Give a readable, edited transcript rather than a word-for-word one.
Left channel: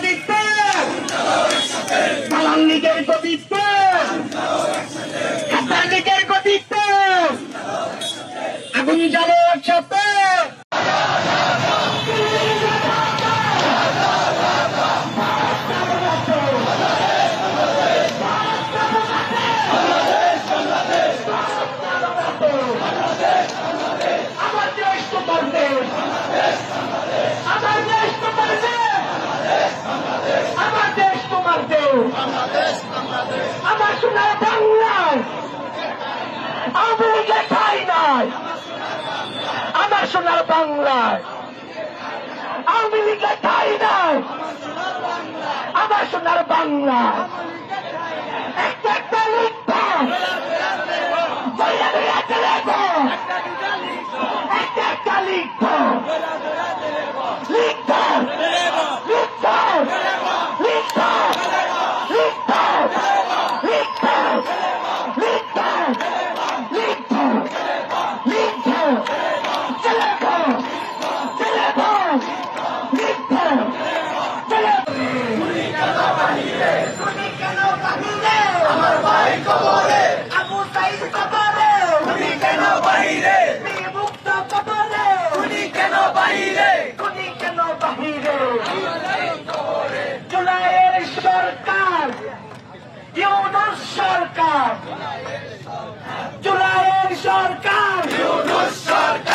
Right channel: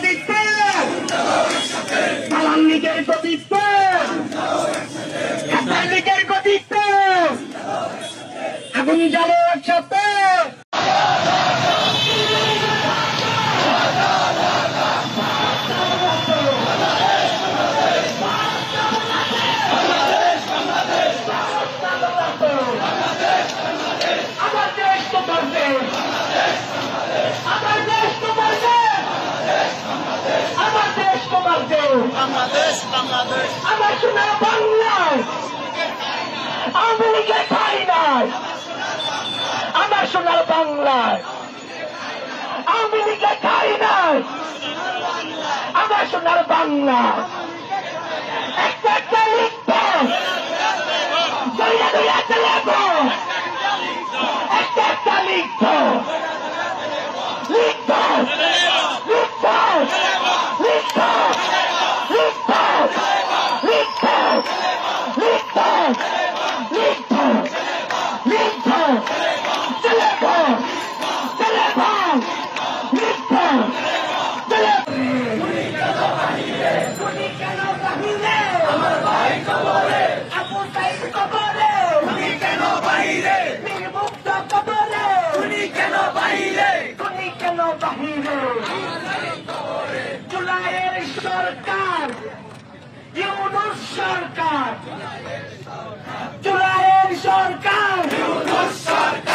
কবিত্ব, দালাল লীগের কবিত্ব, ছাত্র লীগের কবিত্ব, আগুন জ্বালো একসাথে। আমার সোনার বাংলায় আওয়ামী লীগের ঠাঁই নাই। আমার সোনার বাংলায় আওয়ামী লীগের ঠাঁই নাই। আমার সোনার বাংলায় একটা লিখব, একটা লিখব, লিখব, লিখব, লিখব, আমার ভাই কবরে, আবু সাইদ কবরে, তুমি কেন বাহিরে, মুক্ত কবরে, তুমি কেন বাহিরে, তুমি কেন বাহিরে, জুলাইয়ের সরকার, ইউনূস সরকার, জুলাইয়ের সরকার, ইউনূস সরকার।